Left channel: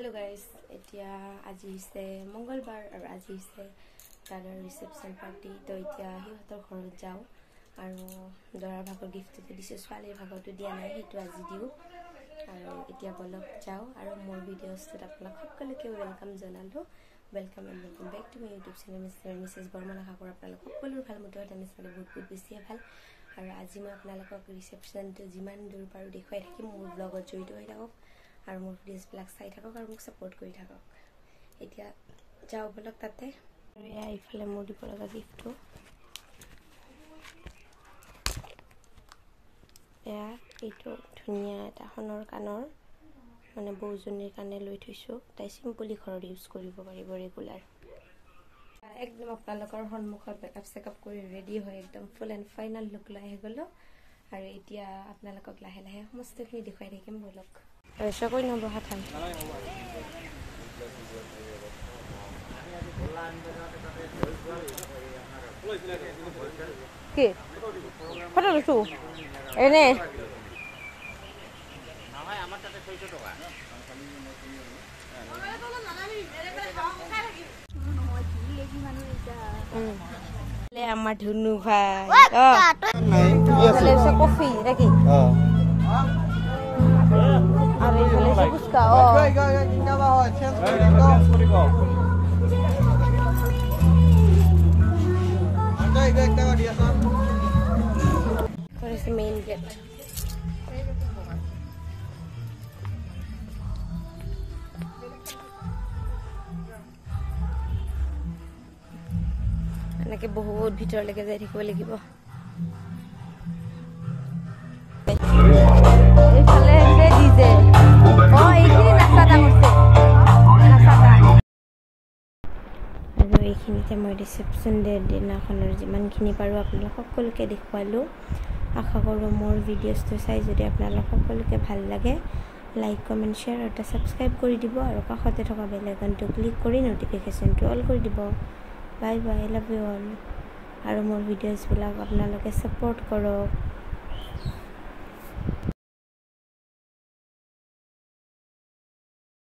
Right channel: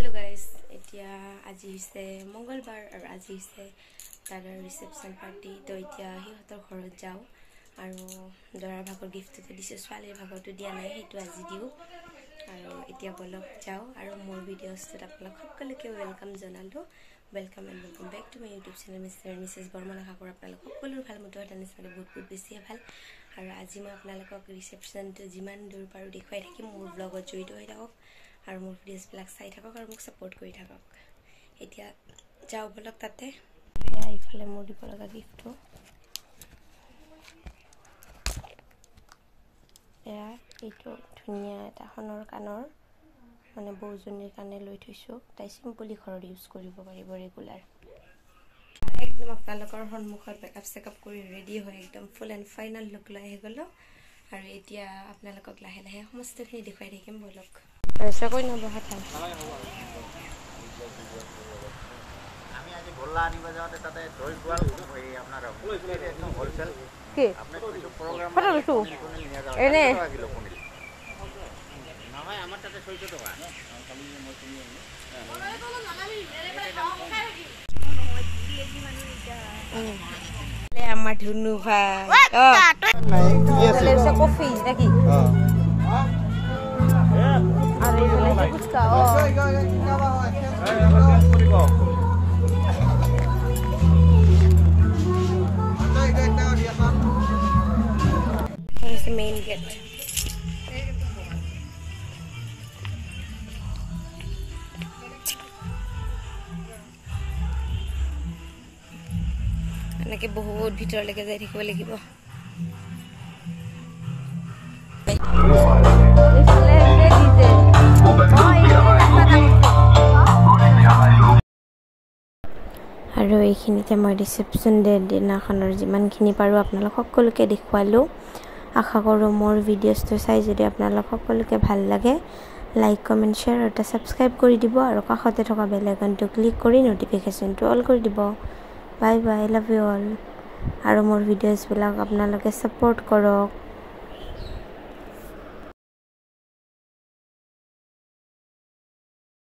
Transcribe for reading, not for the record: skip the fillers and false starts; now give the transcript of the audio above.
Hello guys, এতিয়া আজি হৈছে মঙ্গলবাৰ আৰু আজি হৈছে দাদাৰ ৰিসেপশন পাৰ্টি তো এতিয়া হিহঁতৰ ঘৰত যাও আৰু দৰাৰ ভাগৰ গিফ্টটো দিছে ছোৱালীৰ ভাগৰটো দিয়া নাই সেইটো আজি দিও আৰু এতিয়া বলক যাও আৰু মোৰ ভিডিঅ'ছত আপোনাক সকলোকে ওয়েলকাম জনালো welcome and welcome back to my YouTube channel mister and Mrs Barman আশা কৰোঁ আপোনালোক সকলোৰে ভাল মতে জানিছে বহুত বেছি ভাল আৰু আজি মই আপোনালোকক ৰিসেপশনটো যিমান দূৰ পাৰো দেখুৱাই থাকিম মোৰ ব্লগত জড়িত হৈ থাকক আৰু মোৰ ভিডিঅ'ছবিলাক চাই থাকক আৰু মোক সাপোৰ্ট কৰি থাকক এতিয়া যাও বলক তাতে এয়া ইফালে মোৰ দিব লগা গিফ্টটো এয়া এইটো ধুনীয়া এটা সোণৰ কানৰ মানে বৌজনীৰ কাৰণে লৈ থৈছো তাই সিম্পলি ঘৰত ইউজ কৰিব পাৰিব ৰেগুলাৰ একদম আপোনালোকৰ সন্মুখত মেকআপ চেকআপ কৰি ৰেডি হৈ একদম ফুল এণ্ড ফাইনেল লুক লৈ আহি গ'লো আৰু এতিয়া আপোনালোকক লাহে লাহে সমস্তখিনি দেখুৱাই থাকিম বলক আৰু চাকৈ নব হাতাই কি ফটো লৈছো এনে আমার ধুনু ভাই কফি নাকি আর এইখানে phuchka What is the main gate? এনেকে বহুত ভিতৰলৈকে যাই থাকিব লাগিব আৰু এইখিনিতে মই ৰিসেপশন ডে দিনাখনৰ যিমানখিনি পাৰো আপোনালোক সকলোকে দেখুৱালো আশা কৰোঁ মোৰ ভিডিঅ'ছটো চাই যদি আপোনালোক সকলোকে ভাল লাগে লাইক কমেন্ট শ্বেয়াৰ আৰু সাবস্ক্ৰাইব কৰি দিব আৰু কাষতে থকা বেল আইকনটো ক্লিক কৰি নটিফিকেশনটো অল কৰি দিব bye bye love you all আৰু মোৰ ভিডিঅ'ছবিলাক আপোনালোকে সাপোৰ্ট কৰক